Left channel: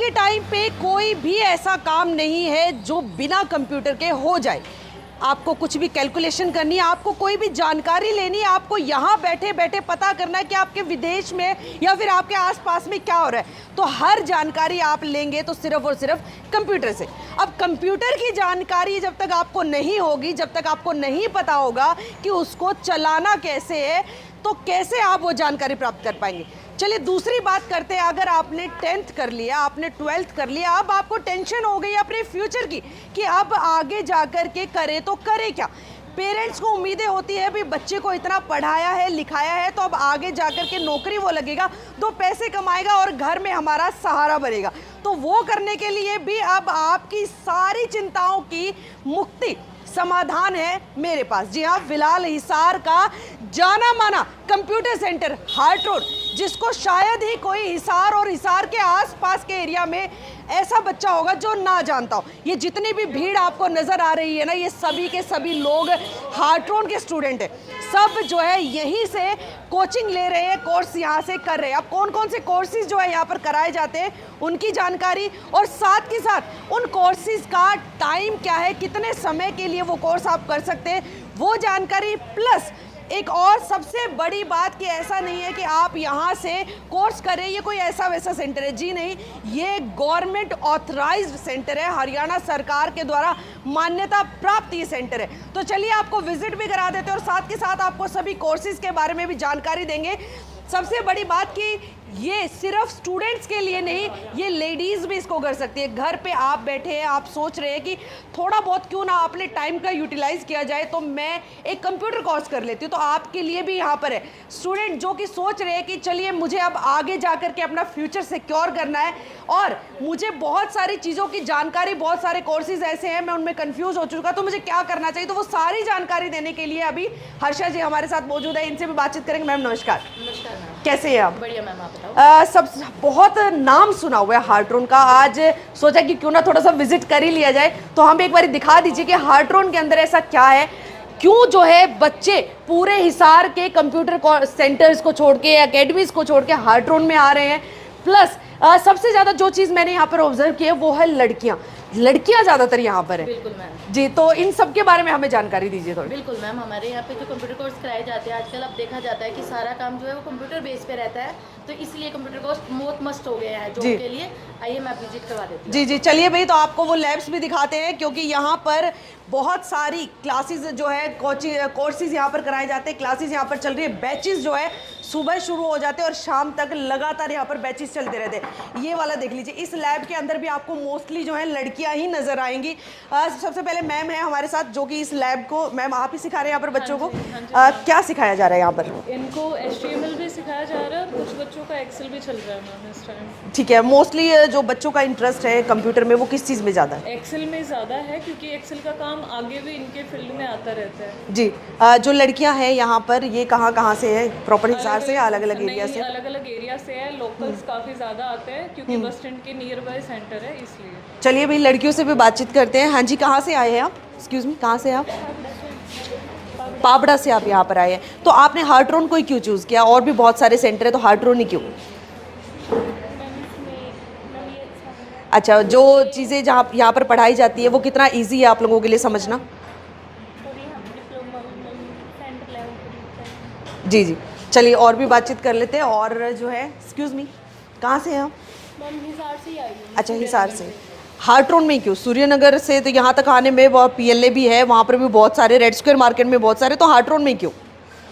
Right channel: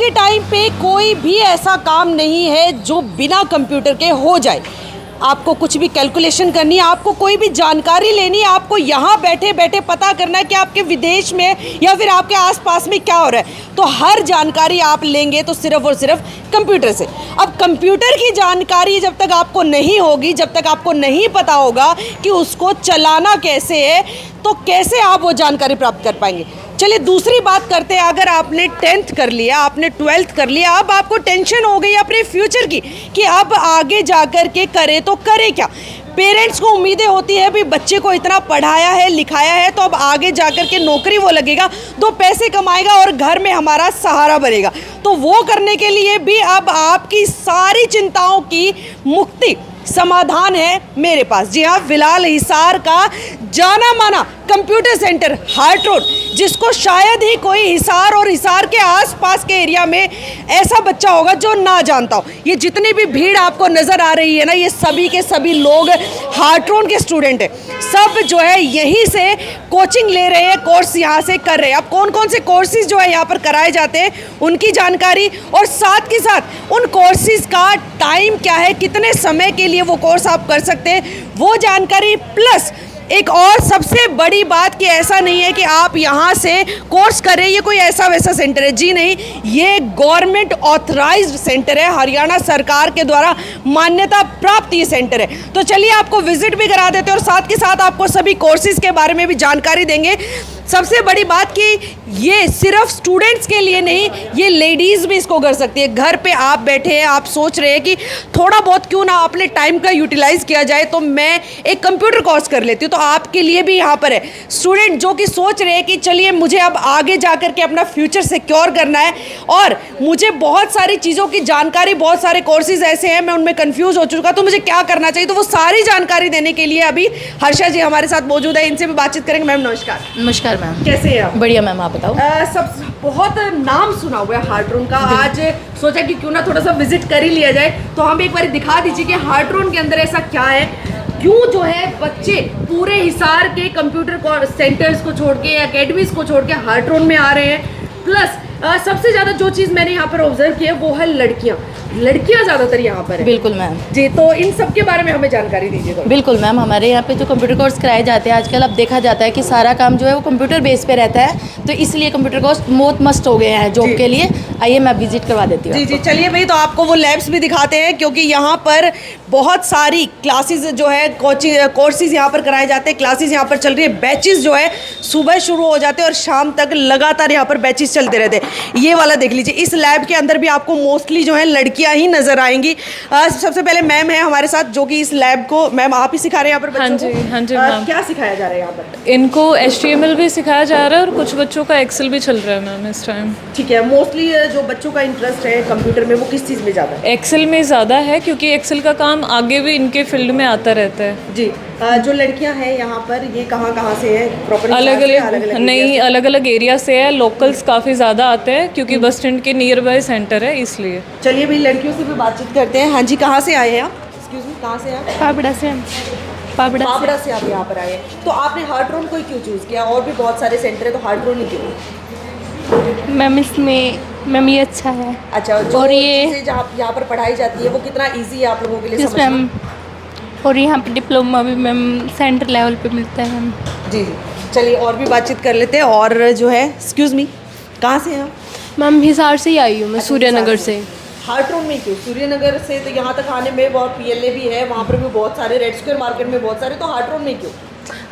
के टाइम पे कोई भी ऐसा काम नहीं है जो बिना कंप्यूटर के हो जाए। आपको कुछ भी कैलकुलेशन करनी है, आपको कोई भी जानकारी लेनी है, आपको यहाँ बैठे बैठे पता करना है कि आपके विदेश में या फिर आपके आसपास में क्या हो रहा है, तो हर जानकारी आप लेंगे तो सिर्फ और सिर्फ कंप्यूटर से। अब कंप्यूटर की जानकारी जब तक आपको नहीं होगी, जब तक आपको नहीं पता होगा कि उसको चलाना कैसे है, तो कैसे आप वो जानकारी प्राप्त कर पाएंगे। चलिए दूसरी बात करते हैं। अगर आपने 10th कर लिया, आपने 12th कर लिया, अब आपको टेंशन हो गई अपने फ्यूचर की कि अब आगे जाकर के करे तो करे क्या। पेरेंट्स को उम्मीदें होती है भी बच्चे को इतना पढ़ाया है लिखाया है तो अब आगे जाकर के नौकरी वो लगेगा, 2 पैसे कमाएगा और घर में हमारा सहारा बनेगा। तो वो करने के लिए भी अब आपकी सारी चिंताओं की मुक्ति समाधान है मेरे पास। जी हाँ, फिलहाल हिसार का जाना माना कंप्यूटर सेंटर हार्ट रोड, जिसको शायद ही कोई हिसार और हिसार के आसपास के एरिया में ऐसा बच्चा होगा जो ना जानता हो। ये जितनी भी भीड़ आपको नज़र आ रही है ना, ये सभी के सभी लोग हार्ट रोड के स्टूडेंट हैं। सब जो है यहीं से कोचिंग ले रहे हैं, कोर्स यहाँ से कर रहे हैं। अब कौन कौन से कोर्सेज जो है यहाँ पर कराए जाते हैं उनकी जानकारी, और साथ के साथ उन कोर्सेज का टाइम क्या है, कितने समय के लिए वो कोर्स आप कर सकते हैं, वो जानकारी। प्लस एक और सबसे बड़ी बात कि ऐसा नहीं है कि आप यहाँ से कोर्स करें, ये कोई ऐसा वैसा सेंटर है, जी नहीं, ये गवर्नमेंट ऑथराइज्ड सेंटर है, हरियाणा सरकार के द्वारा मान्यता प्राप्त ये सेंटर है। तो चलिए आपको विजिट भी करा देते हैं और साथ के साथ आपको सभी कोर्सेज के बारे में भी जानकारी देंगे। सबसे बड़ी बात कि ये सिर्फ स्टूडेंट्स के लिए नहीं, ये लेडीज़ भी इसको कर सकती है। घर पे आप बैठे हैं, आप सोच रहे हैं कि थोड़ा बहुत क्यों ना अपने टाइम का यूटिलाइज़ किया जाए, तो मैं एक कंप्यूटर कोर्स कर लेती हूँ, तो आपके लिए भी यहाँ पर है। स्टूडेंट जो कि सोच रहे हैं कि चलिए मुझे अब आगे जा कर के अपना फ्यूचर सिक्योर करना है और मुझे बहुत सारी चीज़ों की जानकारी, बहुत सारे कोर्सेज ऐसे हैं मैं उनमें कन्फ्यूज़ हो चुका, तो मुझे क्या करना चाहिए, तो वो सारी जानकारी देने के लिए अभी हर्षा जी हमारे साथ मौजूद है। इनसे भी बातचीत करेंगे। मैम नमस्कार। नमस्कार मैम, कैसे हैं आप? बढ़िया मैम, आप बताओ। सब बहुत नाम सुना हुआ है हार्ट रोड का, आज सोचा कि क्यों ना थोड़ा सा विजिट कर ही लिया जाए। तो हम एक बार दिखा दीजिए कि हार्ट रोड के अंदर ऐसा क्या है, क्यों जो है बच्चे पूरे हिसार के कंप्यूटर सेंटर्स को छोड़ के, एकेडमीज को छोड़ के हार्ट रोड में आ रहे हैं। प्लस सबसे ज़्यादा जो चीज़ मैंने यहाँ पर ऑब्जर्व की है वो है लड़कियाँ ज़्यादातर यहाँ पर है। बिल्कुल मैम जी, तो इन सब के बारे में हमें जानकारी दीजिए थोड़ी। बिल्कुल मैम, हमारे यहाँ पे जो कंप्यूटर कोर्स कराए जाते हैं आजकल, अब देखा जाता है कि सारा काम जो है वो कंप्यूटर बेस पे रहता है, तो इसलिए कंप्यूटर कोर्स बहुत मस्ट हो गए हैं जॉब के लिए। आइए मैं विजिट करवा देती हूँ। जी जी, चलिए भाई, तो आपको वो लैब्स भी दिखाते हैं, क्योंकि यहाँ पर बहुत सारी क्लासेस जो है कोर्सेज यहाँ पर कराए जाते हैं। क्लासेस यहाँ पर चल रही है, बैचेस जो है सुबह शुरू हो जाते हैं और शाम तक लगातार यहाँ पर बैचेस चलते रहते हैं। ये वाला देख लीजिए, इस लैब के अंदर भी आपको मोस्टली जो है लड़कियाँ ही नजर आएंगी। सबसे पहले मैम है हमारे साथ जो कि इस लैब को, मैम आप ही सिखा रहे हैं यहाँ पर बच्चों को? हाँ जी मैम। क्या सिखाया जा रहा है यहाँ पर? इनको HTML भी सिखाया जा रहा है और कुछ बच्चों का एक्सेल भी चल रहा है मैम इस टाइम। ठीक है, मोस्टली जो बच्चों का इंटरेस्ट है कंप्यूटर में वो किस चीज़ में ज़्यादा है? एक्सेल में ज़्यादा है, क्योंकि एक्सेल का काम आगे भी इनके फील्ड में आता रहता है। जी, जो लड़कियां हैं यहाँ पर, ये कहाँ से है? प्रॉपर्टी अलग अलग एरिया से है। लोकल्स काफ़ी ज़्यादा आते हैं क्योंकि बस स्टैंड के नियर बाय सेंटर है, इसलिए। चलिए भाई, लड़कियों से भी बातचीत करते हैं। हाँ जी, कहाँ से आए हैं आप? एक्सक्यूज मी, कहाँ से आप? पापड़ा से। पापड़ा से आप यहाँ पर आए हैं। तो आपने हार्ट रोड को ही क्यों चूज़ किया? और भी बहुत सारे सेंटर है, तो हार्ट रोड ही क्यों? मैम इसमें मैम ये अच्छा है। अच्छा, जो चीज़ें जहाँ यहाँ पर पढ़ाई जाती है वो कितना ईजी है आप लोगों के लिए समझना? और यहाँ पे डिप्लोमा भी मैम सेंटर लेवल पे मिलता है मैम। जी जी, चलिए और भी बातचीत कर लेते हैं। और जो है, एक्सक्यूज मी, कहाँ से हैं आप? मैम हिसार से ही आई हूँ मैं, सूर्यनगर से। हार्ट रोड में क्यों? सूर्यनगर से तो यहाँ तक आने में बहुत PLA भी है, वहाँ पर भी बहुत सारे, रेड स्क्वायर मार्केट में बहुत सारे, तो हार्ट रोड में क्यों?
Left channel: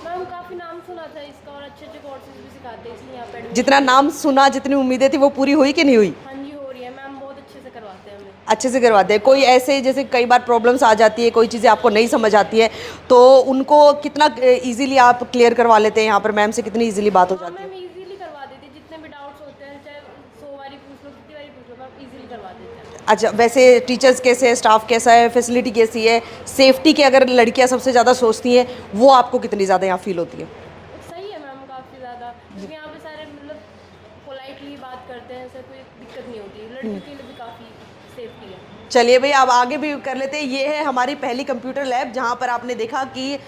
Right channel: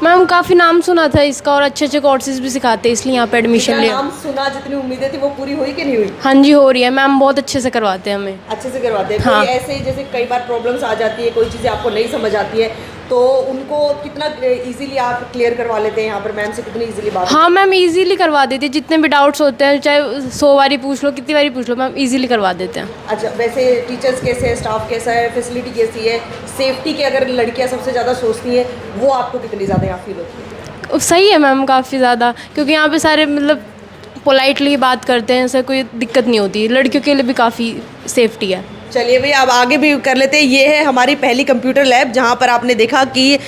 मैम काफ़ी नाम सुना था इसका और अच्छे अच्छे कोर्सेज भी सिखाते हैं, इसलिए यहाँ पे एडमिशन जितना लिया। नाम सुना, जितनी उम्मीदें थी वो पूरी हुई कि नहीं हुई? हाँ जी, हो रही है मैम, बहुत अच्छे से करवाते हैं हमें। अच्छे से करवाते हैं। हाँ। कोई ऐसे जैसे कई बार प्रॉब्लम्स आ जाती है, कोई चीज़ें आपको नहीं समझ आती है, तो उनको कितना इजीली आप क्लियर करवा लेते हैं यहाँ पर? मैम से कितनी इजीली बात? हाँ मैम, इजीली करवा देते हैं, जितने भी डाउट्स होते हैं चाहे 100 बारी पूछ लो, कितनी बारी पूछ लो, मैम इजीली करवा देते हैं। अच्छा, वैसे टीचर्स कैसे है, स्टाफ कैसा है, फैसिलिटी कैसी है, सेफ्टी की अगर लड़कियाँ सबसे ज़्यादा सोचती हैं, वो आपको कितनी ज़्यादा यहाँ फील होती है? सही है मैम, काफ़ी ज़्यादा, क्योंकि यहाँ पे सारे मतलब पोलाइटली बात करते हैं, ऐसा कोई दिक्कत नहीं होती, लड़कियों के लिए भी काफ़ी सेफ्टी है। चलिए भाई, अब आगे भी कर लेते हैं। ये है हमारी पहली कंप्यूटर लैब, जहाँ पर आपने देखा कि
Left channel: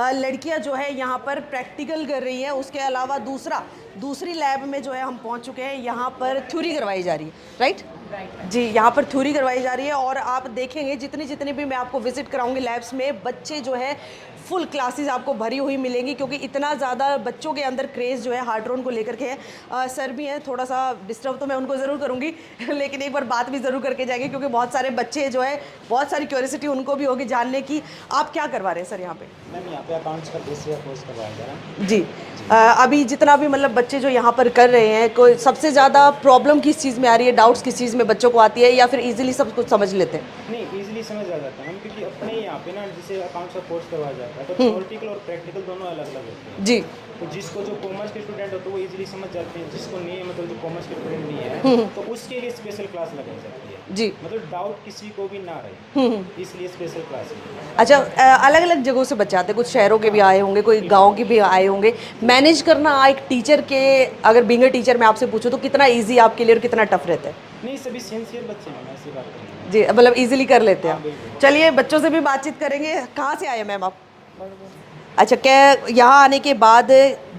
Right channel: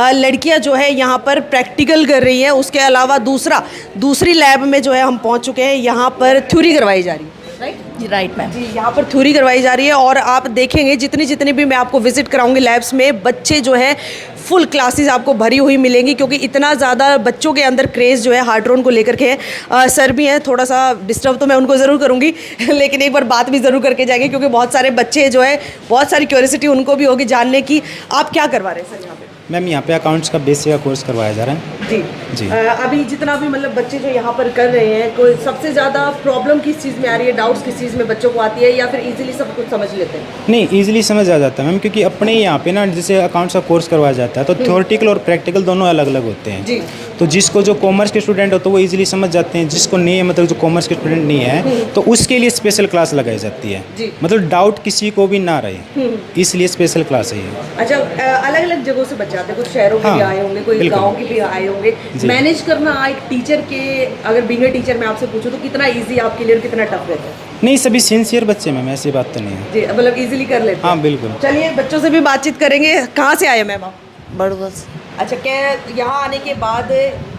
लड़कियां जो है यहाँ पर प्रैक्टिकल कर रही हैं। उसके अलावा दूसरी लैब में जो है हम पहुँच चुके हैं, यहाँ पर थ्योरी करवाई जा रही है। राइट? Right ma'am. जी, यहाँ पर थ्योरी करवाई जा रही है और आप देखेंगे जितनी भी मैं आपको विजिट कराऊंगी लैब्स में, बच्चे जो है फुल क्लासेस आपको भरी हुई मिलेंगी, क्योंकि इतना ज़्यादा बच्चों के अंदर क्रेज़ जो है हार्ट्रोन को लेकर के है। सर भी हैं, थोड़ा सा डिस्टर्ब तो मैं उनको ज़रूर करूँगी लेकिन एक बार बात भी ज़रूर करके जाएंगे, क्योंकि बहुत सारे बच्चे जो है, बहुत सारी क्यूरियोसिटी उनको भी होगी जानने की। आप क्या करवा रहे हैं सर यहाँ पे? मैम यहाँ पे अकाउंट्स का बेसिक का कोर्स करवाया जा रहा है। जी जी। अभी जितना भी मतलब बच्चे जो यहाँ पर कर रहे हैं, कोई सबसे ज़्यादा प्रॉब्लम किस चीज़ में आ रही है, डाउट्स किस चीज़ में बच्चों को आती है, या फिर इजीली सब कुछ समझ लेते हैं? नहीं, इजीली समझ आ जाता है मैम, क्योंकि अपने यहाँ पे ना जैसे अकाउंट्स का कोर्स करवाया जाता है तो थ्योरेटिकल और प्रैक्टिकल दोनों अलग अलग होते हैं। जी। तो जिसको जो कॉमर्स के स्टूडेंट हो तो वो इजीली समझ जाते हैं, जिसको नहीं है मतलब जो कॉमर्स के स्टूडेंट नहीं है तो उसके लिए स्पेशल क्लास लगाई जाती है। जी। मतलब डाउट किसी को भी ना रहे, इसलिए स्पेशल क्लास है ये। अच्छा, अलग अलग जगहों से बच्चे आते हैं, कुछ शहरों के भी आए होंगे, कोई बिल्कुल। गांव के भी आए होंगे। मैनेज करना एक टीचर के, अगर बीइंग अ टीचर मैं आपसे पूछूं तो कितना इजी आपके लिए और कितना टफ रहता है? नहीं, सभी सिंसियर बच्चे मैम, ऐसी बात तो नहीं है। जी, मतलब इजीली कर लेते हैं। हाँ बिल्कुल। चलिए बच्चों से भी बातचीत करेंगे। कहाँ से आए मैम आप? बड़बस। अच्छा, क्या यहाँ आने के बाद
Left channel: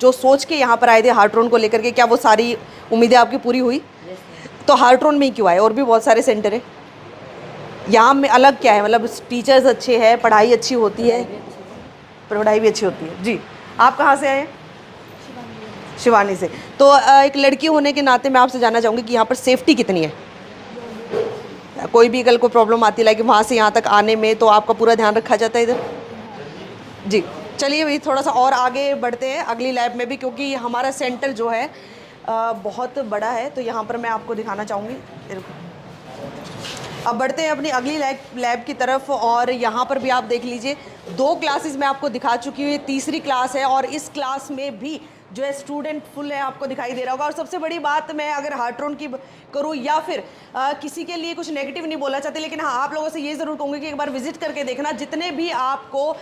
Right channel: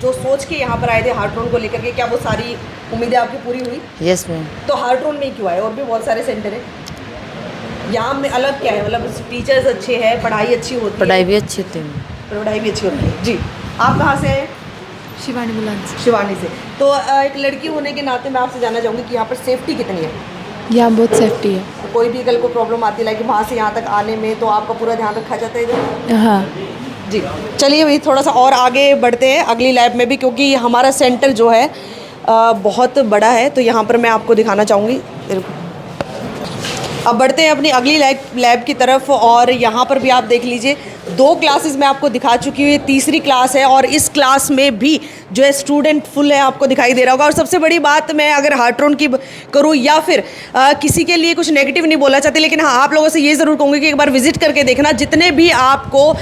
जो सोच के यहाँ पर आए थे हार्ट्रोन को लेकर के, क्या वो सारी उम्मीदें आपकी पूरी हुई? Yes ma'am. तो हार्ट्रोन में ही क्यों आए? और भी बहुत सारे सेंटर है यहाँ में, अलग क्या है? मतलब टीचर्स अच्छे हैं, पढ़ाई अच्छी होती है? पढ़ाई भी अच्छी होती है। पढ़ाई भी अच्छी होती है। जी, आप कहाँ से आए? शिवानी बुलान से। शिवानी से। तो एक लड़की होने के नाते मैं आपसे जानना चाहूँगी कि यहाँ पर सेफ्टी कितनी है? यहाँ बहुत सेफ्टी है। कोई भी कल को प्रॉब्लम आती है लाइक वहाँ से यहाँ तक आने में, तो आपका पूरा ध्यान रखा जाता है इधर? हाँ। जी, चलिए भाई थोड़ा सा और आगे बढ़ते हैं अगली लैब में भी, क्योंकि हमारा सेंटर जो है बहुत बड़ा है, तो यहाँ पर मैं आपको दिखाना चाहूँगी। अब बढ़ते हैं अपनी अगली लैब की तरफ, और यहाँ पर भी आप देख लीजिए 2 क्लासेस मैं आपको दिखा चुकी हूँ, ये तीसरी क्लास है और इस क्लास में भी जो है स्टूडेंट फुल है, आपको दिखाई दे रहा होगा। और सबसे बड़ी बात, मैं अगर हार्ट्रोन की करूँ या फिर किसी के लिए कुछ नेगेटिव नहीं बोलना चाहती, लेकिन हाँ आप लोगों से ये ज़रूर कहूँगी कि एक बार विजिट करके देखना। जितने भी आपको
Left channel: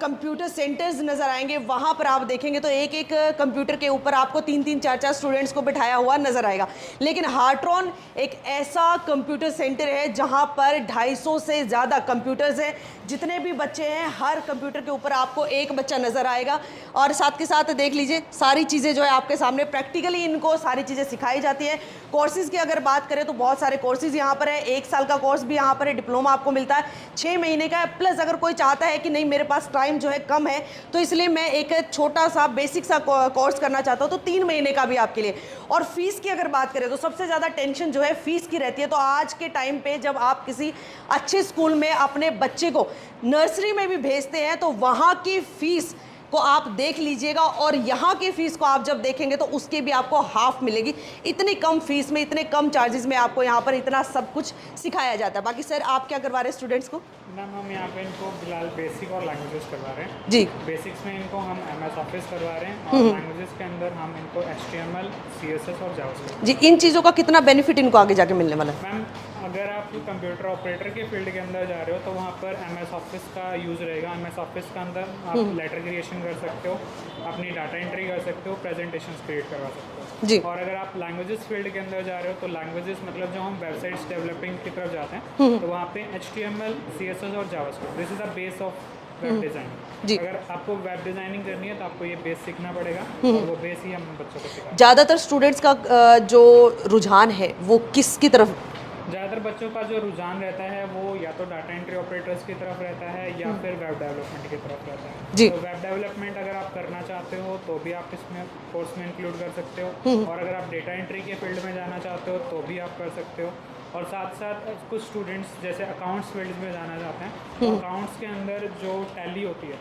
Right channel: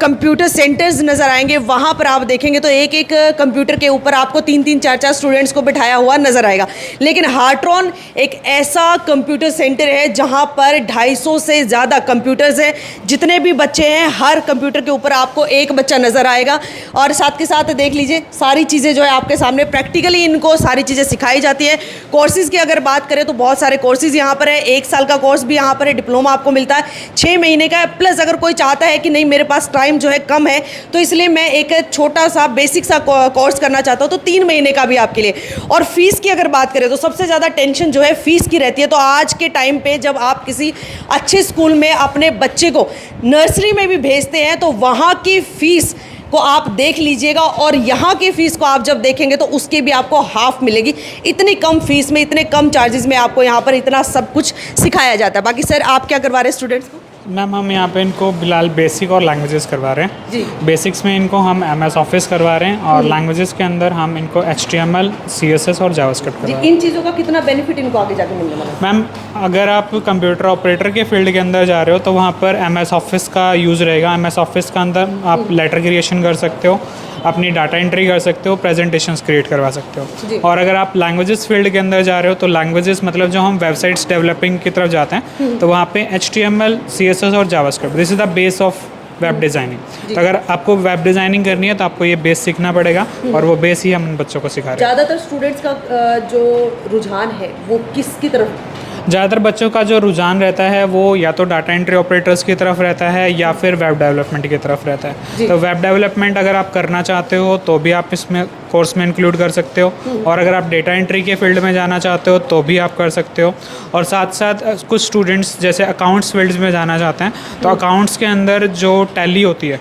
कंप्यूटर सेंटर्स नज़र आएंगे वहाँ पर आप देखेंगे तो एक एक कंप्यूटर के ऊपर आपको 3-3, 4-4 स्टूडेंट्स को बिठाया हुआ नज़र आएगा। लेकिन हार्ट्रोन एक ऐसा कंप्यूटर सेंटर है जहाँ पर 250 से ज़्यादा कंप्यूटर्स हैं। जितने भी बच्चे हैं हर कंप्यूटर के ऊपर आपको एक बच्चा नज़र आएगा, और साथ के साथ देख लीजिए सारी चीज़ें जो है आपके सामने प्रैक्टिकली इनको सारी चीज़ें सिखाई जाती है। कोर्सेज़ की अगर बात करें तो बहुत सारे कोर्सेज़ यहाँ पर है। 1 साल का कोर्स भी यहाँ पर है, डिप्लोमा आपको मिलता है 6 महीने का, प्लस अगर कोई चाहता है कि नहीं मेरे पास टाइम जो है कम है तो इसलिए मैं एक छोटा सा बेसिक सा कोर्स करना चाहता हूँ, तो 3 महीने का भी आपके लिए। और फीस की अगर बात करें तो सबसे ज़्यादा टेंशन जो है फीस की रहती है। तो आज के टाइम पे जब आप किसी अच्छे स्कूल में अपने बच्चे को नर्सरी में भी भेजते हैं तो वहाँ की फ़ीस को आप देख लीजिएगा, और यहाँ की फ़ीस को आप जब देखेंगे तो उसकी भी आपको हाफ मिलेगी। इतनी कम फीस में, इतने कम चार्जेस में आपको यहाँ पर इतना सब कुछ सिखाया जाता है। बाकी सर आप क्या करवा रहे हैं स्टूडेंट्स को? मैम हम यहाँ पे इनको फिलहाल बेसिक और लैंग्वेजेस करवा रहे हैं। जी। बेसिक्स में इनको हम MS ऑफिस करवा रहे हैं और लैंग्वेजेस के अंदर हम इनको HTML, CSS और जावास्क्रिप्ट जी, करवा रहे हैं। इन चीज़ों का कितना बेनिफिट इनको आगे जाके मिलने वाला है? मैम अगर आप कंप्यूटर ऑपरेटर के फील्ड के अंदर जा रहे हो तो वहाँ पर MS ऑफिस का यूज़ रहेगा। MS ऑफिस का अंदर आप लेटर क्रिएशन कर सकते हो, अपनी डाटा एंट्री कर सकते हो, प्रेजेंटेशंस क्रिएट करवा सकते जी। हो। और अगर आप लैंग्वेजेस फील्ड के अंदर जा रहे हो तो लैंग्वेजेस मतलब जो हम वेबसाइट्स डेवलपिंग की तरफ जाते हैं तो वहाँ पे HTML, CSS और JavaScript, this is the base of web designing. तो अगर आपको वेब डिज़ाइनिंग करनी है तो आपको ये बेस सीखना पड़ेगा, और वो बेस ही हम उन बच्चों को सिखा रहे हैं। ज़्यादातर स्टूडेंट्स का जो रुझान है वो किसकी तरफ? ज़्यादातर बच्चों का जो रुझान रहता है वो या तो डाटा एंट्री ऑपरेटर्स की तरफ रहता है या फिर वेब डेवलपमेंट की तरफ रहता है। तो वेब डेवलपमेंट अगर आप करना चाहते हो तो भी आप इसमें कोर्स में इंक्लूड कर सकते हो, और अगर आप डेटा एंट्री के फील्ड में जाना चाहते हो तो भी आप कर सकते हो। और साथ साथ कुछ स्टूडेंट्स जैसे अकाउंट्स फील्ड्स में जाना चाहते हैं तो अकाउंट्स के अंदर जो टैली होती है,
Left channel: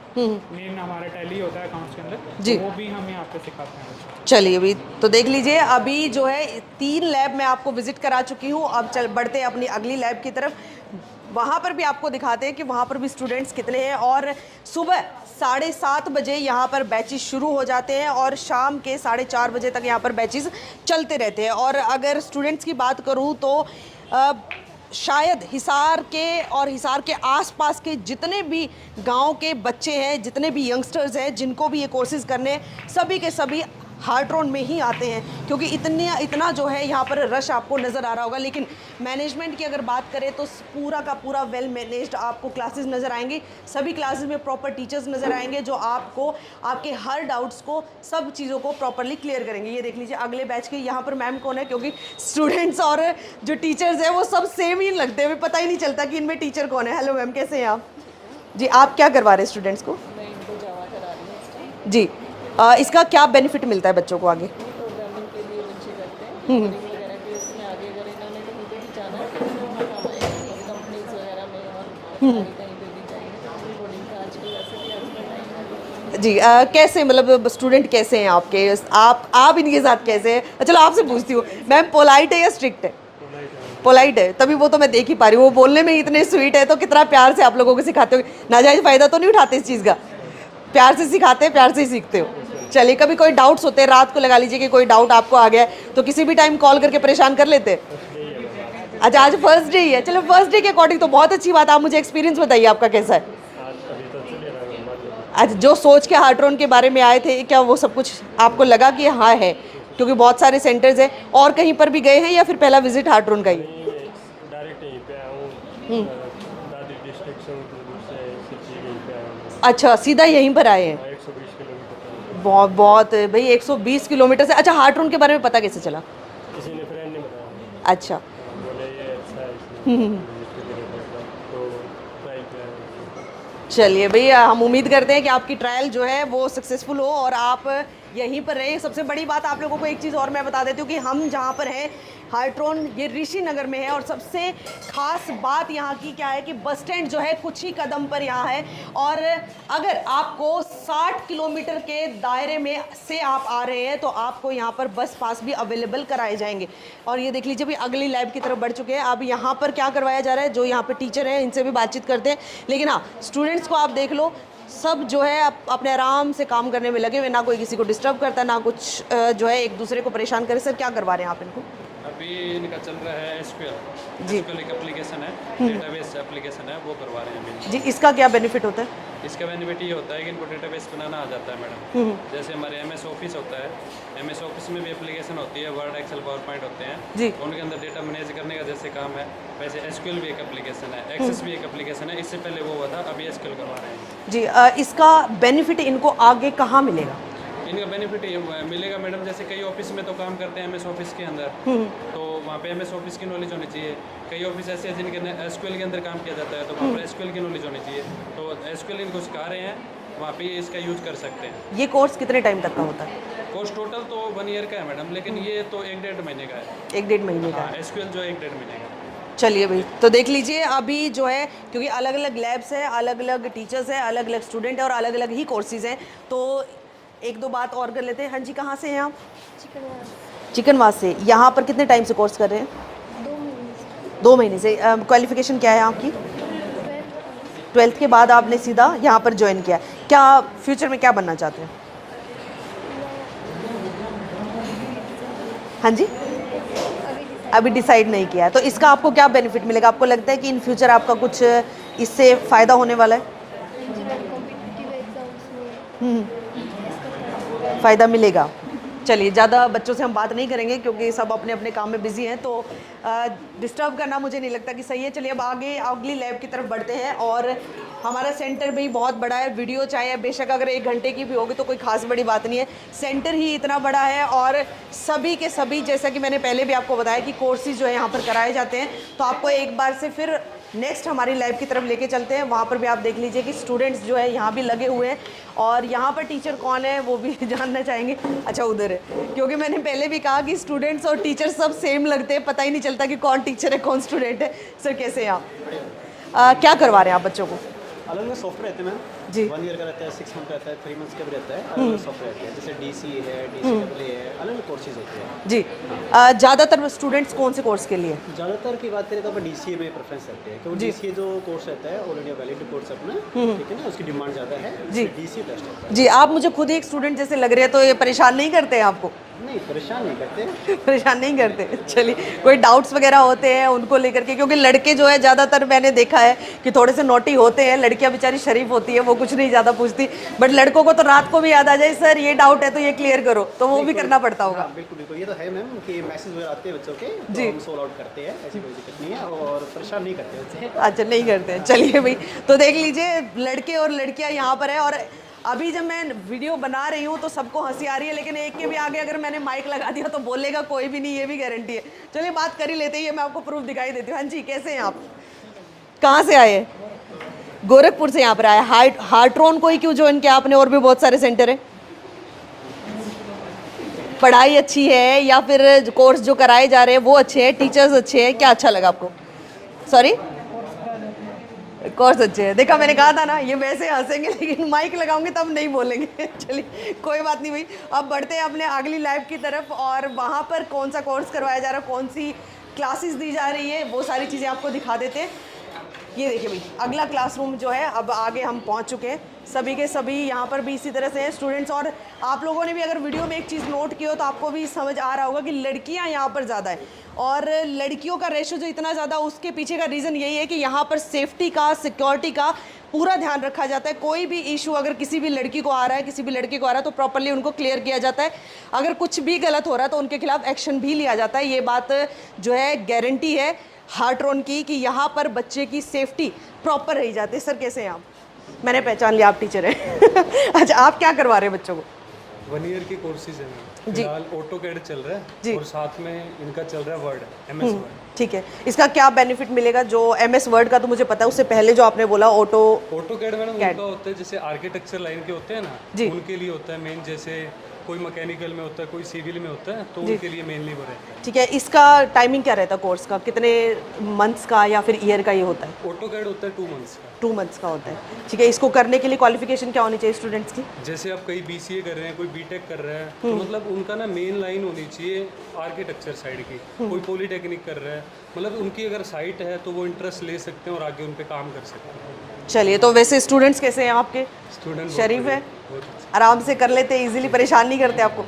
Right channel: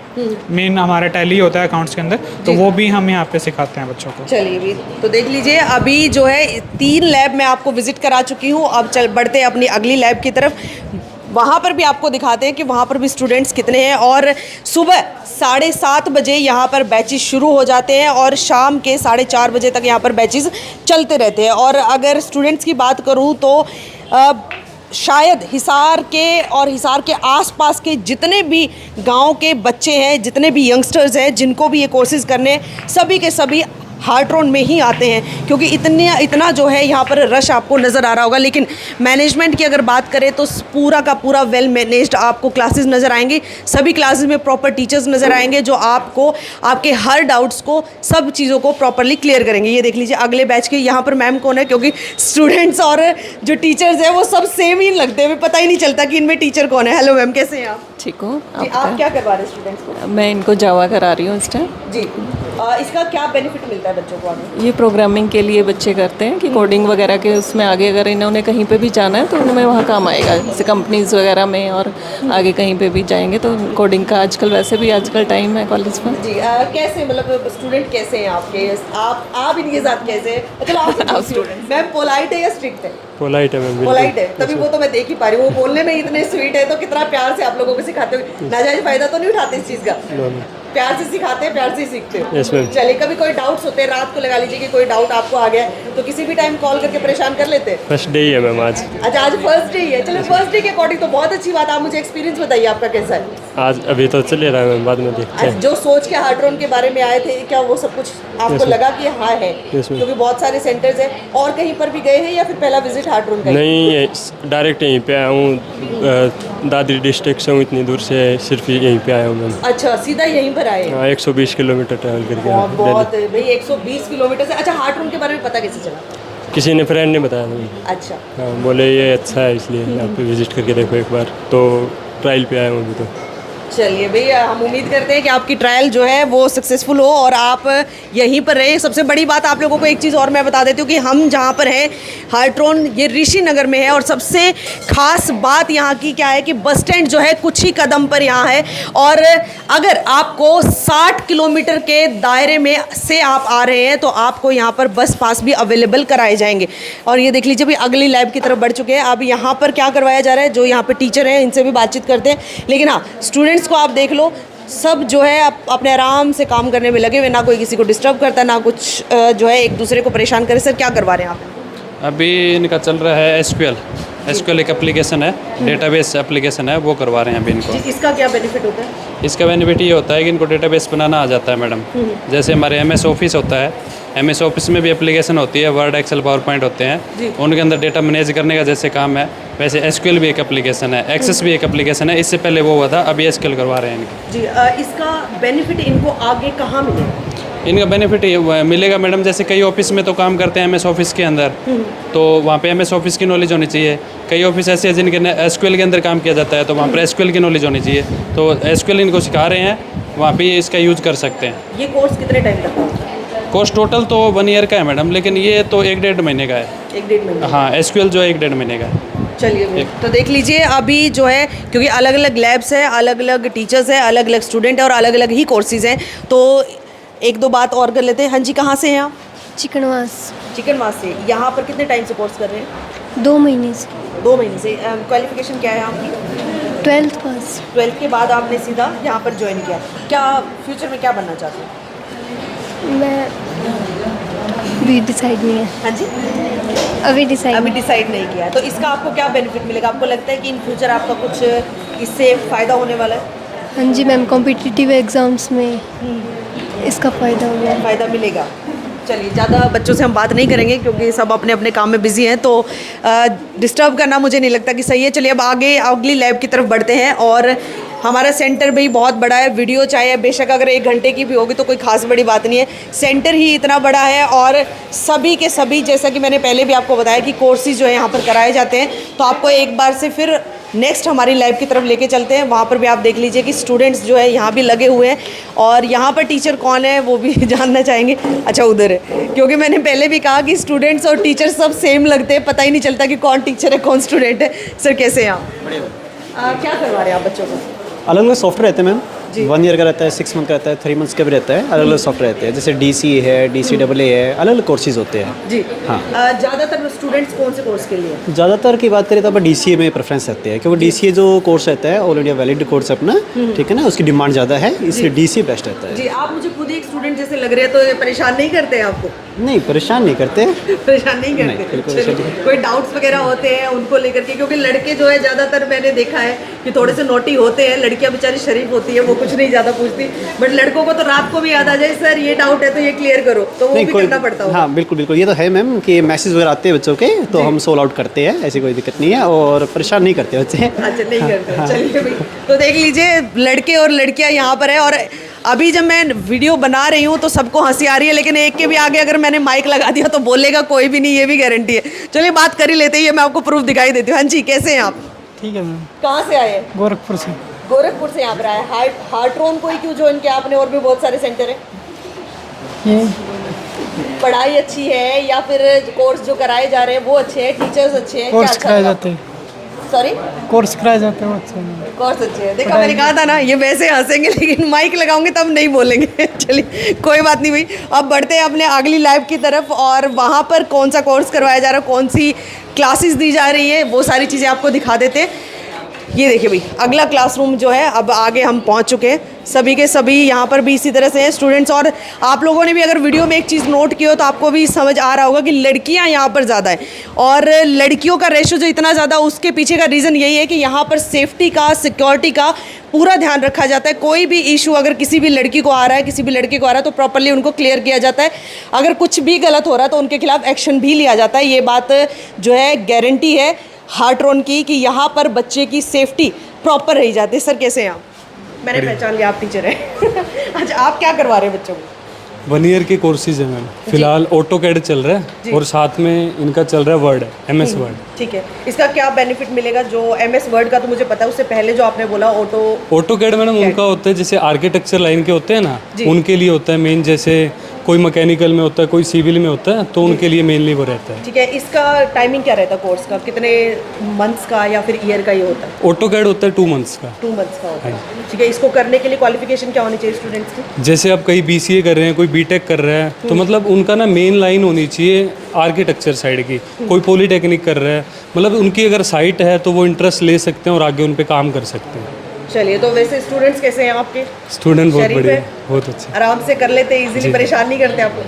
मेन हमारा टैली होता है अकाउंट्स के अंदर, तो वो भी हम यहाँ पे सिखाते हैं बच्चों को। चलिए अभी तो देख लीजिए, अभी जो है 3 लैब मैं आपको विजिट करा चुकी हूँ। अब बढ़ते हैं अपनी अगली लैब की तरफ। वहाँ पर भी आपको दिखाते हैं कि वहाँ पर भी स्टूडेंट्स कितने हैं। और सुबह 7:30 बजे यहाँ पर बैचेस शुरू हो जाते हैं और शाम के 4:30 बजे तक यहाँ पर बैचेस चलते रहते हैं। और अगर स्टूडेंट्स की बात करूँ तो शायद हिसार के और हिसार के आसपास के जितने भी गांव के बच्चे हैं, जितने भी यंगस्टर्स हैं जिनको भी ये कोर्सेज़ करने हैं, सभी के सभी हार्ट्रॉन में ही आते हैं, क्योंकि इतना जो है यहाँ पर रश आपको नज़र आ रहा होगा। लेकिन मैनेजमेंट की अगर बात करें तो पूरा का पूरा वेल मैनेज्ड आपको क्लासेस नज़र आएंगी। सभी क्लासेस में प्रॉपर टीचर्स नज़र आएंगे जो आपको आपके हर डाउट्स को, सब चीज़ों को प्रॉपरली क्लियर करेंगे। ये देख लीजिए अगले बैच के यहाँ पर मैम कौन है, क्योंकि स्टूडेंट्स और जो टीचर्स हैं वो सब सेम ही लगते हैं, पता ही नहीं चलता कि इनमें टीचर कौन है। हेलो मैम, कैसे हैं आप? ठीक हूँ। जी, आप क्या करवा रहे हैं स्टूडेंट्स को? मैं इनको जावा करा रही हूँ इस टाइम। जी, इसका क्या बेनिफिट मिलता है बच्चों को आगे? ये प्रोग्रामिंग के लिए बच्चे करते हैं कि कोडिंग वगैरह के उसमें आगे अगर इन्होंने कहीं पे भी जाना है तो उनमें वहाँ काम आएगा, जैसे कंपनीज वगैरह में, और आगे कहीं पे भी जाएंगे तो कोडिंग का आजकल वैसे भी आजकल टाइम है कॉलेज में। जी, कैसे मतलब स्टूडेंट कैसे हैं आपके? आप इनके साथ कैसे हैं? चलो आपसे मैम, पोलाइट है या स्ट्रिक्ट है? पोलाइट है मैम। पोलाइट है, तभी वो तो मैं देख ही पा रही हूँ। वो बोलने में इतने स्वीट है तो कितना प्यार से आप लोगों को सिखाते हो। नाजायज फायदा तो नहीं उठाते इस चीज़ का? प्यार से सिखाते हैं, प्यार से ही सीखते हो। Yes, ma'am. चलिए, कभी कोई डाउट्स होते हैं, रात को लगा लीजिए कि कोई डाउट आपको आ गया है तो किसी भी टाइम कॉल करके परेशान कर लेते हैं? फर्स्ट डे ही है मैम आज। अच्छा, आज फर्स्ट डे ही है। चलो, फर्स्ट डे के अकॉर्डिंग तो बहुत अच्छी बात। आप मुझे एक्सपीरियंस बताइए आपका कैसा है आज अभी तो चल रहा है मैम, बाद में देखते आज हैं। जो सोच के हार्ट्रॉन के बारे में आए थे, क्या वो सब कुछ आपको लगा कि हाँ है? Yes, ma'am. क्योंकि बहुत सारे सेंटर्स हैं। और कहीं पर भी गए हैं या फिर पहला विजिट हार्ट्रॉन का ही? नहीं, डायरेक्ट यहीं पे आया हूँ। दादरी डिस्ट्रिक्ट से हूँ, इतनी दूर से सिर्फ यहीं पे आया हूँ मैम। अच्छा, सीधा यहीं पर आए हैं? हाँ, 120 किलोमीटर ट्रैवल करके बहुत आया बहुत भाई, 120 किलोमीटर से। अच्छा, हार्ट्रॉन के बारे में पता कैसे चला? दिल्ली। किसी ने फ्रेंड ने बताया मैम। अच्छा, हाँ, बोले ये अच्छा है इसलिए यहाँ पे विजिट करके देखो एक बार, तो ट्रायल पे आया हूँ अभी तो। चलिए भैया, हम उम्मीद करते हैं कि आपकी ट्रायल जो है वो सक्सेसफुल हो और आप यहीं पर रहें। सबसे बड़ी बात आप लोगों को एक चीज़ और मैं बता देती हूँ कि हम जहाँ पर हैं, हार्ट्रॉन ये ऋषि नगर में है। और सबसे खास बात यहाँ की क्या है कि बस स्टैंड जो है कुछ ही कदम पर यहाँ है। और अगर आपको 60 किलोमीटर के दायरे में से आप आ रहे हैं तो आपको यहाँ पर बस पास भी अवेलेबल कराए जाएंगे। और ये देख लीजिए भी अगली लैब की तरफ बढ़ चुके हैं। अब यहाँ पर क्या करवाया जा रहा है, जो यहाँ पर टीचर हैं इनसे भी बातचीत करते हैं। लेकिन हाँ, स्टूडेंट्स को आप देख लो, सब जो है अपने आराम से काम करने में लगे हुए, ना कोई किसी को डिस्टर्ब करता, ना कुछ जो है एक दूसरे को परेशान करे। सर, क्या करवा रहे हैं आप? अभी इनका चल रहा है एसक्यूएल एक एप्लीकेशन है, डेटाबेस एप्लीकेशन है, वो करवा रहे हैं अभी इनको। जी, इसका क्या बेनिफिट होता है? इसका बेनिफिट ये होता है कि इनको डेटाबेस बनाना आ जाता है मैडम। जैसे हमारे एमएस ऑफिस होता है, एमएस ऑफिस में भी एप्लीकेशन होती है, वर्ड, एक्सेल, पावर पॉइंट होते हैं, उनके अंदर डेटा मैनेज करने का जैसे काम है, वैसे एसक्यूएल भी एक एप्लीकेशन है, एक्सेस भी एक एप्लीकेशन है। इससे पहले वो हुआ था, अभी एसक्यूएल करवा रहे हैं इनके। जी, इसका बेनिफिट इनको आगे कहाँ मिलेगा? इनका बेनिफिट ये मिलेगा मैडम, जैसे कई ऑफिस में तो काम करते हैं एमएस ऑफिस के अंदर, तो वहाँ पे एमएस ऑफिस की नॉलेज होनी चाहिए। कई ऑफिस ऐसे हैं जिनके एसक्यूएल के अंदर काम किया जाता है, तो वहाँ पर एसक्यूएल की नॉलेज होनी चाहिए। तो एसक्यूएल इनको सिखा रहे हैं, वहाँ पे इसका यूज़ कर सकते हैं। ये कोर्स कितने टाइम तक का होता है? कोर्स टोटल तो 1 ईयर का है मैडम, लेकिन ये तो 1-1.5 महीने का है। 1-1.5 महीने? हाँ, एसक्यूएल जो है 1-1.5 महीने का है। चलिए, तो देख लीजिए अभी जो है, क्योंकि अलग अलग लैब्स हैं, अलग अलग टीचर्स हैं, अलग अलग स्टूडेंट हैं और अलग अलग ही कोर्सेज हैं। तो एक दो बात और कर लेते हैं। हाँ जी, कहाँ से हैं आप? चिकनवास। चिकनवास से। यहाँ पर कितने टाइम से कोर्स कर रहे हैं? 2 महीने से। 2 महीने से। क्वालिफिकेशन क्या है आपकी? 12th पास। 12th के बाद आपने सीधा यहाँ पर ज्वाइन किया। क्या फ्यूचर में क्या बनना चाहते हैं? मैं अभी डिसाइड नहीं है। हाँ जी, अभी डिसाइड नहीं किया है। तो इसका आपको क्या बेनिफिट मिलेगा? आपको लगता है कि इन फ्यूचर आपका कुछ इससे फ़ायदा होने वाला है? हाँ जी मैम, कॉम्पिटिटिव एग्ज़ाम्स में इसका फ़ायदा मिलेगा। चलिए, ज़्यादा बच्चों से हम बात नहीं करेंगे क्योंकि सब अपने अपने काम में बिजी हैं, तो डिस्टर्ब करना मुझे नहीं लगता कि सही है। चलिए, अब आगे अगली लैब की तरफ बढ़ते हैं। और हमारा सेंटर भी बहुत बड़ा है। वीडियो चाहे बेशक अगर 1 घंटे की भी होगी तो कोई ख़ास बड़ी बात नहीं है, सेंटर ही इतना बड़ा है। और सभी के सभी, जैसा कि मैंने पहले भी आपको बताया कि कोर्सेज जो है यहाँ पर कराए जाते हैं। तो आपको एक बार से फिर नेक्स्ट हमारी लैब की तरफ लेके चलते हैं। वहाँ पर भी आप देख लीजिए कि स्टूडेंट्स जो है यहाँ भी लगे हुए हैं और यहाँ पर टीचर कौन है वो भी जानना चाहेंगे। अच्छा, उधर है, क्योंकि मैंने पहले भी कहा कि स्टूडेंट्स और टीचर सब सेम लगते हैं, पता ही नहीं चलता कि कौन टीचर है कौन स्टूडेंट है। सर, कैसे हैं आप? क्या करवा रहे हैं आप बच्चों को? अलग अलग सॉफ्टवेयर रहते हैं मैम। 1 ईयर का रहता है, 6 मंथ का रहता है, 3 मंथ्स का भी रहता है। अलग अलग सॉफ्टवेयर रहते हैं, जैसे DC है, DCAA है, अलग अलग कोर्सेज होते हैं जी। हाँ, ज़्यादातर स्टूडेंट्स कौन से कोर्स के लिए? ज़्यादातर की बात करें तो आप DCA में प्रेफरेंस रहते हैं, क्योंकि DCA जो कोर्स रहता है ऑल इंडिया वैलिड कोर्स अपना, ठीक है ना, उसकी डिमांड ज़्यादा है, इसलिए DCA बेस्ट रहता है। जी, आप मुझे खुद ही एक स्टूडेंट जैसे लग रहे हैं, तो ये परेशान नहीं करते हैं आपको? नहीं, परेशान नहीं करते। परेशान नहीं करते। चलिए, कोई डाउट्स वगैरह होते हैं उनको लेकर के, क्योंकि लड़के जो है ज़्यादातर मैंने देखा है कि थोड़े से नोटी होते हैं, लड़कियां बेचारी शरीफ होती है, वो कुछ नहीं ज़्यादा पूछती, बट लड़कों को तो रात को भी याद आ जाए सर ये डाउट है तो ये क्लियर करो, तो वो भी करना पड़ता होगा। हाँ बिल्कुल बिल्कुल, ये तो है मैम कि मैसेज वगैरह आते हैं बच्चों के तो हम सोल्व आउट करते हैं, ऐसी कोई दिक्कत नहीं है और परेशान नहीं करते बच्चे। अच्छा, नहीं करते। चलिए भाई, तो देख लीजिए लड़के और लड़कियां यहाँ पर है, और अभी जब मैं वीडियो बना रही हूँ तो सबको हंसी आ रही है, लेकिन एक के भी आगे अगर मैंने माइक लगा दिया तो बोलेगा कोई भी नहीं, ये भी गारंटी है। चलिए बात कर ही लेते हैं, ये मैं आपको प्रूफ दिखाई देती हूँ। हाँ जी, कैसे हैं आप? ठीक है मैम। कहाँ से आए? गोरखपुर से। गोरखपुर से यहाँ पर आए। हार्ट्रोन को ही क्यों ज्वाइन किया आपने? और भी बहुत सारे सेंटर है। ये पढ़ाई अच्छी है या फिर कोर्स जो कराए जा रहे हैं वो अच्छे हैं, टीचर्स अच्छे हैं, क्या कोर्स अच्छा कराए लगा? जाते हैं। सॉरी, कोर्स कराए जाते हैं अच्छे हैं। कोर्स अच्छे हैं। देखा, मैंने कहा था ना ये वैसे हंसेंगे लेकिन माइक लगाऊंगे तब नहीं बोलेंगे। चलिए कोई बात नहीं भाई, अब बढ़ते हैं अपने अगली लाइव की तरफ, और वहाँ पर कौन सा कोर्स करवाया जा रहा है, कौन सी क्लासेस दी जा रही है, वो सारी चीज़ें आपको दिखा देते हैं। ये देखिए भाई, अगला क्लासरूम जो है, अब आगे हम पहुंच चुके हैं। सभी के सभी यहाँ पर भी इसी तरह से हैं स्टूडेंट्स, और आप लोगों ने भी अगर वीडियो में एक चीज़ नोट की हो तो आपको भी समझ आ रहा होगा कि लड़कियाँ यहाँ पर ज़्यादा है, और लड़कियों का रेशो जो इतना ज़्यादा, उसके पीछे का रीज़न यही है कि यहाँ पर सेफ्टी का, सिक्योरिटी का पूरा ध्यान रखा जाता है। कोई भी इशू अगर किसी भी लड़की को आ रहा है, किसी भी लड़के को आ रहा है, तो प्रॉपर्ली उनको क्लियर किया जाता है। अगर कुछ भी गलत हो रहा है तो उनके खिलाफ एक्शन भी लिया जाता है। ये बात जो है गारंटी है हार्ट्रोन की कि यहाँ पर बच्चे की सेफ्टी प्रॉपर रही जाती है। सर कैसे हैं आप? मैंने पहचान लिया, आप टीचर हैं। अच्छा, आप क्या करवा रहे हैं बच्चों को? 1 ईयर के कोर्सेज है मैम। फिलहाल ऑटोकैड चल रहा है और साथ में इनका चल रहा है वर्ड, MS वर्ड। ठीक है, इसका क्या बेनिफिट मिलेगा? जो MS वर्ड का तो मुझे पता है, उससे पहले जो आपने बोला ऑटोकैड मैडम उनका होता है जैसे आर्किटेक्चर लाइन के होते हैं ना, उनके लिए होता है मेन। जैसे कोई मैकेनिकल में होता है, कोई सिविल में होता है, तो उनके लिए मेनली वो रहता है। ठीक है, इसका टाइमिंग क्या रहता है कोर्स का? कितने मंथ्स का या फिर ईयर का ये होता है? ऑटोकैड होता है 2 मंथ्स का। 2 मंथ्स का होता है। ठीक है, इसको करने के लिए क्वालिफिकेशन क्या होनी चाहिए स्टूडेंट्स की? जैसे आप कहीं BCA कर रहे हैं, कोई BTech कर रहा है, तो मतलब उनका ना मेन लाइन होनी चाहिए आर्किटेक्चर साइड की। कोई पॉलीटेक्निक कर रहा है, मतलब उनकी अगर साइट है तो वो इंटरेस्ट ले सकते हैं और आगे उन पे काम कर सकते हैं। चलिए, तो वैसे स्टूडेंट्स कैसे हैं आपके? स्टूडेंट बहुत शरीफ बढ़िया, है? बहुत अच्छा, आराम से कर लेते हैं, इजीली परेशान नहीं करते आपको?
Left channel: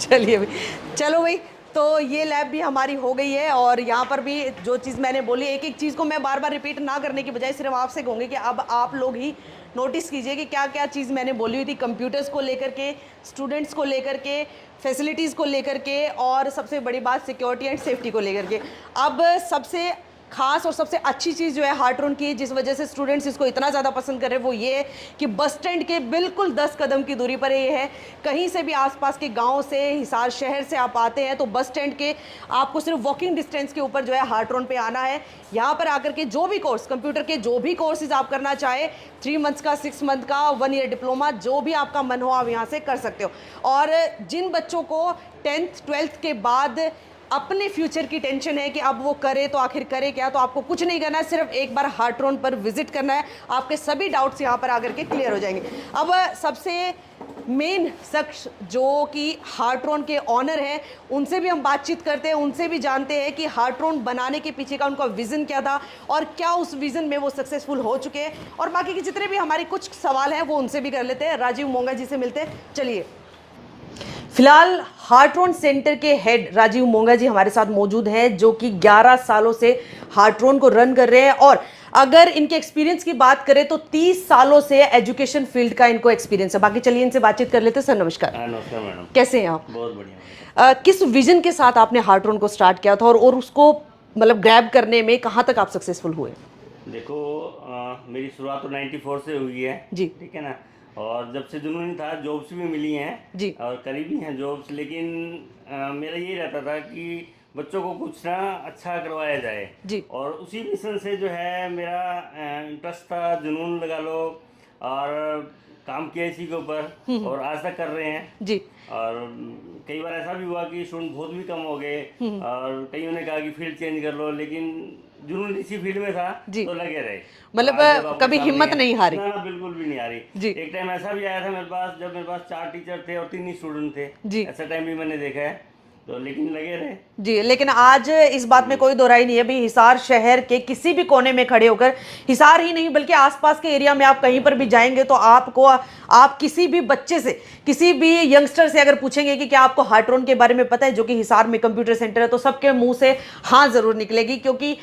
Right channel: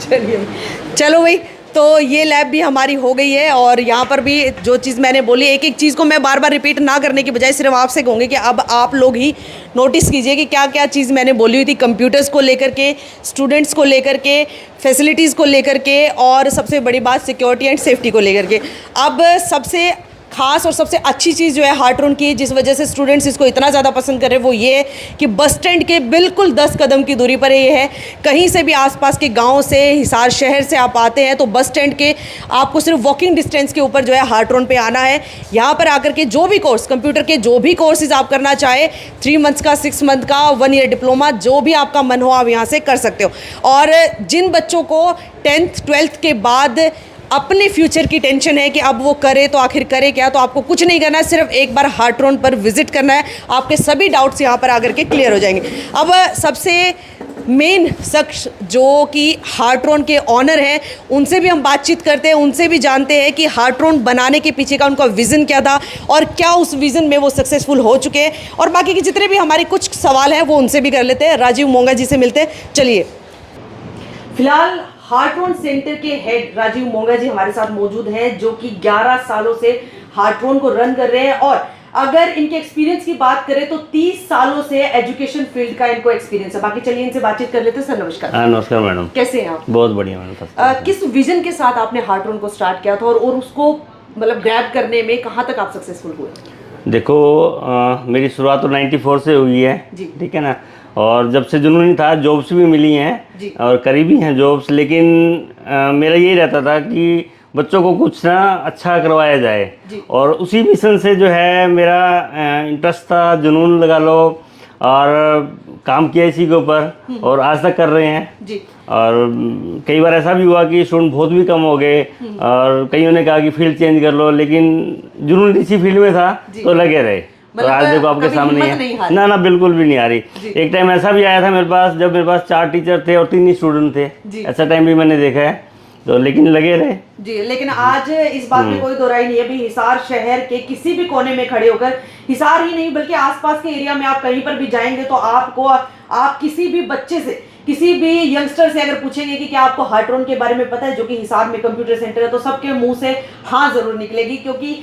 चलिए भाई, चलो भाई, तो ये लैब भी हमारी हो गई है, और यहाँ पर भी जो चीज़ मैंने बोली, एक एक चीज़ को मैं बार बार रिपीट ना करने की बजाय सिर्फ आपसे कहूँगी कि अब आप लोग ही नोटिस कीजिए कि क्या क्या चीज़ मैंने बोली हुई थी, कंप्यूटर्स को लेकर के, स्टूडेंट्स को लेकर के, फैसिलिटीज़ को लेकर के, और सबसे बड़ी बात सिक्योरिटी एंड सेफ्टी को लेकर के। अब सबसे खास और सबसे अच्छी चीज़ जो है हार्ट्रोन की, जिस वजह से स्टूडेंट्स इसको इतना ज़्यादा पसंद कर रहे हैं, वो ये है कि बस स्टैंड के बिल्कुल 10 कदम की दूरी पर ये है। कहीं से भी आसपास के गांव से, हिसार शहर से आप आते हैं तो बस स्टैंड के आपको सिर्फ वॉकिंग डिस्टेंस के ऊपर जो है हार्ट्रोन पे आना है। यहाँ पर आकर के जो भी कोर्स, कंप्यूटर के जो भी कोर्सेज आप करना चाहे, 3 मंथ्स का, 6 मंथ का, 1 ईयर डिप्लोमा, जो भी आपका मन हो आप यहाँ से कर सकते हो। और जिन बच्चों को 10th 12th के बाद अपने फ्यूचर की टेंशन है कि अब वो करे तो आखिर करे क्या, तो आपको कुछ नहीं करना है, सिर्फ एक बार हार्ट्रोन पर विजिट करना है, आपके सभी डाउट्स यहाँ पर आकर के क्लियर हो जाएंगे। अब सबसे मेन शख्स जो कि हार्ट्रोन के ऑनर हैं, उनसे भी हम बातचीत करते हैं, उनसे भी जानते हैं कि हार्ट्रोन बनाने के पीछे का उनका विज़न क्या था और क्या उस विज़न में वो सक्सेसफुल हो चुके हैं, और बाकी के जितने भी हमारे कुछ सवाल हैं वो उनसे भी कर लेते हैं। राजीव मोंगा जी से मिलते हैं। चलिए, फिलहाल हार्ट्रोन सेंटर के हेड राजीव मोंगा जी हमारे साथ मौजूद हैं, जो कि 11 सालों से हार्ट्रोन को रन कर रहे हैं, और अगर इनके एक्सपीरियंस की बात करें तो 30 सालों से एजुकेशन फील्ड का इनको एक्सपीरियंस है। बाकी चलिए इनसे बातचीत कर लेते हैं। सर नमस्कार। नमस्कार मैडम, कैसे हैं आप? बहुत बढ़िया मैडम। किस विजन के साथ आपने हार्ट्रोन को स्टार्ट किया था, और उसको मतलब ग्रैब करने में कहाँ तक आप सक्सेसफुल हुए? देखो, मेरी शुरुआत तो 94 से हुई है, ठीक है ना, और जब से जुनून था, जॉब्स भी मिली हैं और करीबी हैं जॉब्स, लेकिन मेरा यही रहता था कि बच्चों को कुछ ना अच्छा करवाया जाए, और उसी मिशन से जो है मेरा इंटरेस्ट था, जुनून लगा लो, और काम किया इसी के ऊपर और आज तक कर रहे हैं। और कई बार ऐसा भी हुआ कि स्टूडेंट बहुत भी कम हो गए और कईयों ने कहा कि फील्ड चेंज कर लो, लेकिन जुनून इसी फील्ड में था तो लगे रहे। तो आज देखो आपके सामने है। ना बिल्कुल भी नहीं आ रही। एक टाइम ऐसा भी आया था मेरे पास, जब मेरे पास 4 टीचर थे और 3 ही स्टूडेंट थे, ऐसा टाइम भी मैंने देखा है। तो लेकिन लगे रहे। जी, लेकिन आज इस बात में कोई दो राय नहीं है भाई, हिसार शहर के किसी भी कोने में खड़े होकर, हिसार ही नहीं बल्कि आसपास के एरिया में आप कहीं पर भी जाएंगे तो आपको, आप किसी भी बच्चे से, किसी भी यंगस्टर से अगर पूछेंगे कि क्या आपको हार्ट्रॉन के बारे में पता है, जो कि हिसार में कंप्यूटर सेंटर है, तो सबके मुंह से हाँ जरूर निकलेगी, क्योंकि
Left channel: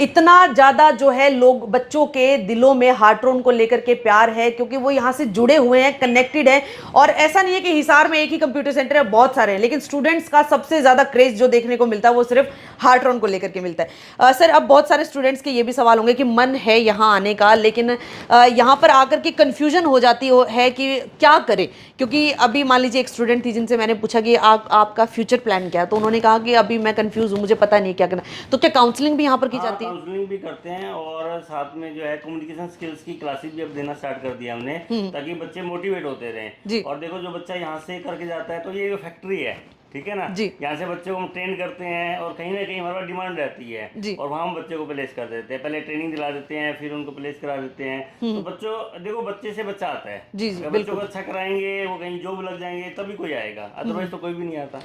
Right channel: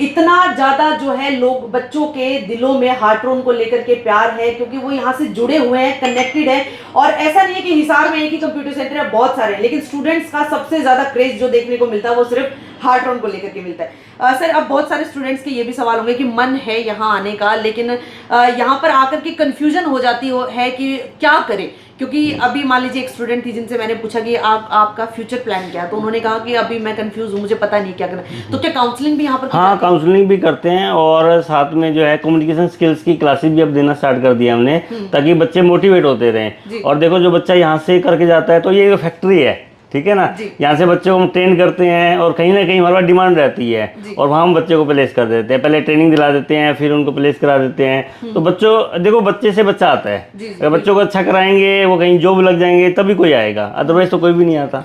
इतना ज्यादा जो है लोग, बच्चों के दिलों में हार्ट्रॉन को लेकर के प्यार है, क्योंकि वो यहाँ से जुड़े हुए हैं, कनेक्टेड है। और ऐसा नहीं है कि हिसार में एक ही कंप्यूटर सेंटर है, बहुत सारे हैं, लेकिन स्टूडेंट्स का सबसे ज्यादा क्रेज जो देखने को मिलता है वो सिर्फ हार्ट्रॉन को लेकर के मिलता है। सर, अब बहुत सारे स्टूडेंट्स के ये भी सवाल होंगे कि मन है यहाँ आने का, लेकिन यहाँ पर आकर के कंफ्यूजन हो जाती है कि क्या करें, क्योंकि अभी मान लीजिए एक स्टूडेंट थी जिनसे मैंने पूछा कि आपका फ्यूचर प्लान क्या है, तो उन्होंने कहा कि अभी मैं कंफ्यूज हूँ, मुझे पता नहीं क्या करना। तो क्या काउंसलिंग भी यहाँ पर की हाँ, जाती है? काउंसलिंग भी करते हैं, और साथ में जो है कम्युनिकेशन स्किल्स की क्लासेस भी अब देना स्टार्ट कर दिया हमने, ताकि बच्चे मोटिवेट होते रहें। और देखो, जो बच्चा यहाँ से करके जाता है तो ये फैक्ट्री है, ठीक है ना, यहाँ से बच्चों को हम ट्रेन करते हैं, और कहीं ना कहीं हमारे पास डिमांड रहती है, और वहाँ हम बच्चे को प्लेस कर देते हैं। पहले ट्रेनिंग दिला देते हैं, फिर उनको प्लेस करा देते हैं। तो बच्चों, देखो, बच्चे से बच्चा आता है, अगर बच्चों को अच्छा कराएंगे, वो कहीं जॉब लग जाएंगे तभी कोई आएगा, अदरवाइज तो कोई भी नहीं आता।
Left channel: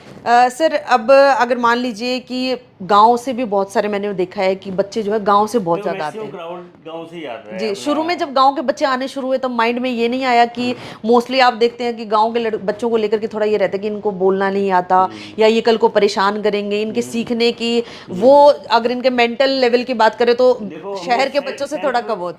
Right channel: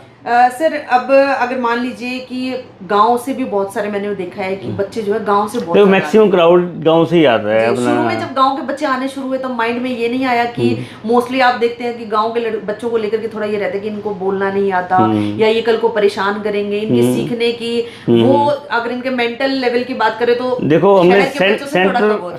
सर, अब अगर मान लीजिए कि गांव से भी बहुत सारे मैंने देखा है कि बच्चे जो है गांव से बहुत, तो मैक्सिमम क्राउड गांव से ही आता है। शुरू में जब गांव के बच्चे आने शुरू हुए, तो माइंड में ये नहीं आया कि मोस्टली आप देखते हैं कि गांव के बच्चों को लेकर के थोड़ा ये रहता है कि इनको बोलना नहीं आता, या ये कल को परेशान करेंगे, इनके सीखने की, वो अगर इनके मेंटल लेवल की बात करें तो देखो, हमने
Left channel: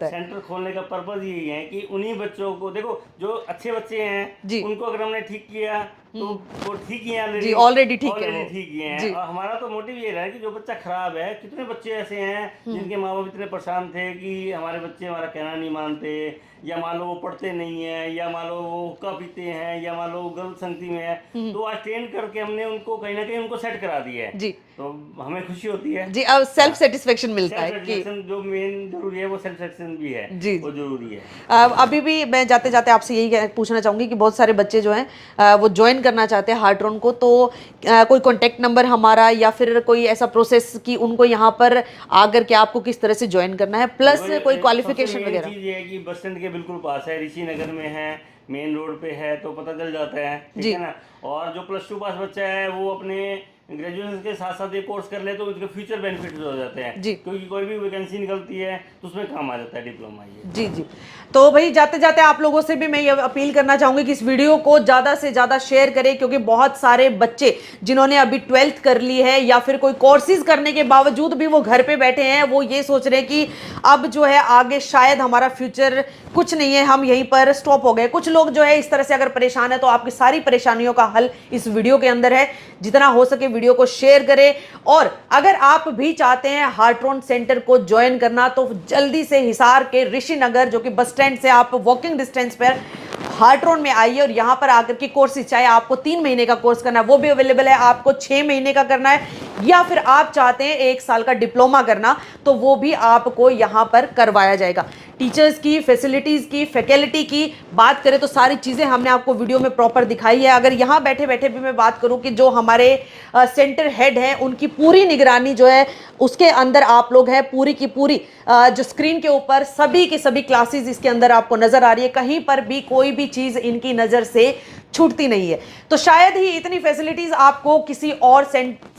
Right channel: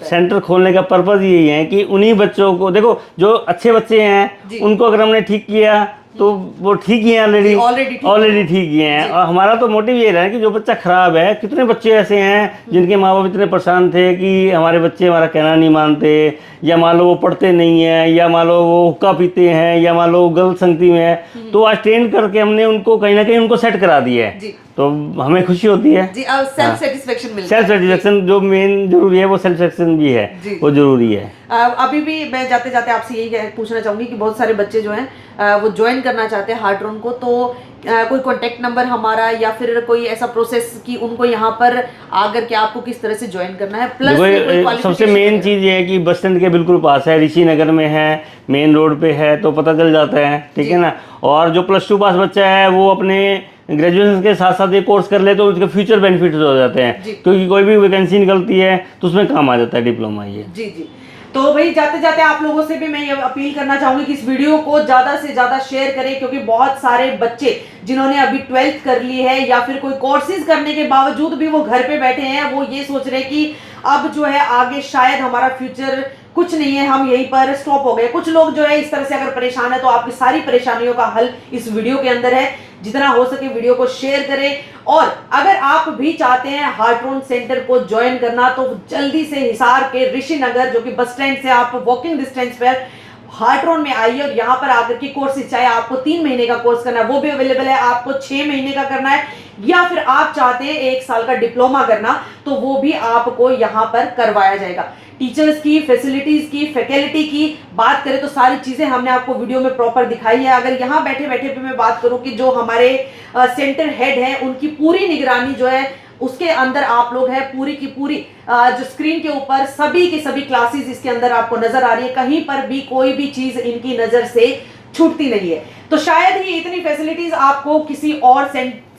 सेंटर खोलने का पर्पज यही है कि उन्हीं बच्चों को, देखो, जो अच्छे बच्चे हैं उनको अगर हमने ठीक किया तो वो ठीक ही है, ऑलरेडी ठीक ही हैं। और हमारा तो मोटिव ये रहा है कि जो बच्चा खराब है, कितने बच्चे ऐसे हैं जिनके माँ बाप इतने परेशान थे कि हमारे बच्चे हमारा कहना नहीं मानते, या मान लो वो पढ़ते नहीं है, या मान लो वो हुक्का पीते हैं, या मान लो गलत संगति में है, तो आज ट्रेन करके हमने उनको कहीं ना कहीं उनको सेट करा दिया है, तो हमें खुशी होती है जी। और सेल्फ सेटिस्फेक्शन मिलता है। सेल्फ सेटिस्फेक्शन जो मेन जरूरी है, वो सेल्फ सेटिस्फेक्शन भी है, वो जरूरी है। अभी भी मैं जाते जाते आपसे यही पूछना चाहूंगी कि बहुत सारे बच्चे जो हैं वो ज्वाइन करना चाहते हैं हार्ट्रॉन को, तो कोई कॉन्टेक्ट नंबर हमारा, या फिर कोई ऐसा प्रोसेस कि उनको यहाँ पर आकर के आपको किस तरह से ज्वाइन करना है, प्लस सबसे मेन चीज ये है कि बस स्टैंड के बिल्कुल पास है, ऋषि नगर में है, मेन रोड पे है, तो पता चल जाता है, ठीक है ना। और जो +2 पास बच्चा है वो अपने ग्रेजुएशन के साथ साथ ये कोर्स कर ले तो उसके फ्यूचर बेनिफिट्स हो जाते हैं, क्योंकि कोई भी वैकेंसी निकलती है तो उसमें काम आ जाता है डिप्लोमा ये। जी। तो भाई, जाते जाते आप लोगों से भी मैं ये अपील करना चाहूंगी कि इस वीडियो को ज्यादा से ज्यादा शेयर करें, क्योंकि बहुत सारे बच्चे जिन्होंने अभी 12th कर ली है, या फिर कोई कोर्सेज करने के बावजूद भी वो घर पे बैठे हैं, वो ये सोच रहे हैं कि अब जो है आगे शायद हमारा फ्यूचर कुछ नहीं है, हम यहीं पर स्टॉप हो गए। कुछ लोग जो है इस तरह से अगर परेशान है, तो आपकी सारी परेशानियों का हल इस वीडियो के अंदर है। जितना हो सके वीडियो को शेयर करें, और अगर आप भी चाहते हैं हार्ट्रॉन सेंटर को ज्वाइन करना, तो जल्दी से हिसार के ऋषि नगर, जो कि बस स्टैंड से आप वॉकिंग डिस्टेंस पर हार्ट्रॉन में आइए, और यहाँ पर आकर के कोर्स, चाहे आपको 3 महीने का कोर्स करना है वो भी अवेलेबल है, आपको 6 महीने का करना है, या फिर आप चाहते हैं 1 साल का डिप्लोमा करना, तो वो भी आपको यहाँ पर करवाया जाएगा। टीचर्स की, फैसिलिटीज की, फैकल्टी की बात करें तो सारी चीजें हमने आपको वीडियो में प्रॉपर दिखाई है। अगर यहाँ बैठे बैठे भी मैं बात करूं कि जो हमारे सेंटर हेड हैं, उनकी पूरी निगरानी जो है उसके अंदर आप लोग हैं, पूरी की पूरी जो स्क्रीन के ऊपर सभी की सभी क्लासेस इसके अंदर आपको नजर आ रही है, कहीं पर भी कोई भी चीज इनकी नजर से छूटती नहीं है। तो शायद ही इतनी फैसिलिटीज आपको किसी और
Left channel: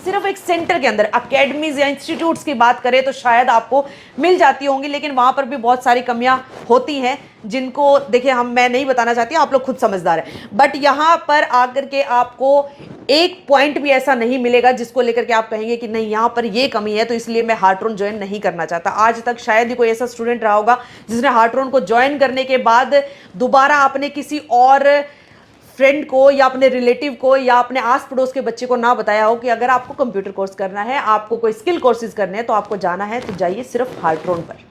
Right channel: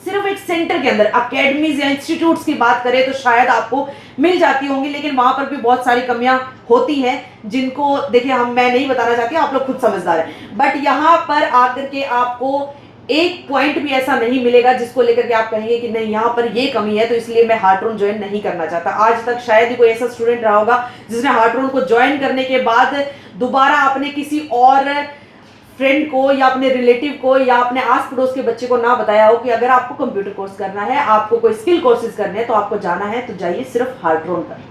सिर्फ एक सेंटर के अंदर, अकेडमीज या इंस्टीट्यूट्स की बात करें तो शायद आपको मिल जाती होंगी, लेकिन वहां पर भी बहुत सारी कमियां होती हैं, जिनको देखिए मैं नहीं बताना चाहती, आप लोग खुद समझदार हैं। बट यहाँ पर आकर के आपको एक पॉइंट भी ऐसा नहीं मिलेगा जिसको लेकर के आप कहेंगे कि नहीं यहाँ पर ये कमी है, तो इसलिए मैं हार्ट्रॉन ज्वाइन नहीं करना चाहता। आज तक शायद ही कोई ऐसा स्टूडेंट रहा होगा जिसने हार्ट्रॉन को ज्वाइन करने के बाद दोबारा अपने किसी और फ्रेंड को, या अपने रिलेटिव को, या अपने आस पड़ोस के बच्चे को ना बताया हो कि अगर आपको कंप्यूटर कोर्स करना है, आपको कोई स्किल कोर्सेज करने हैं, तो आपको जाना है तो जाइए सिर्फ हार्ट्रॉन पर।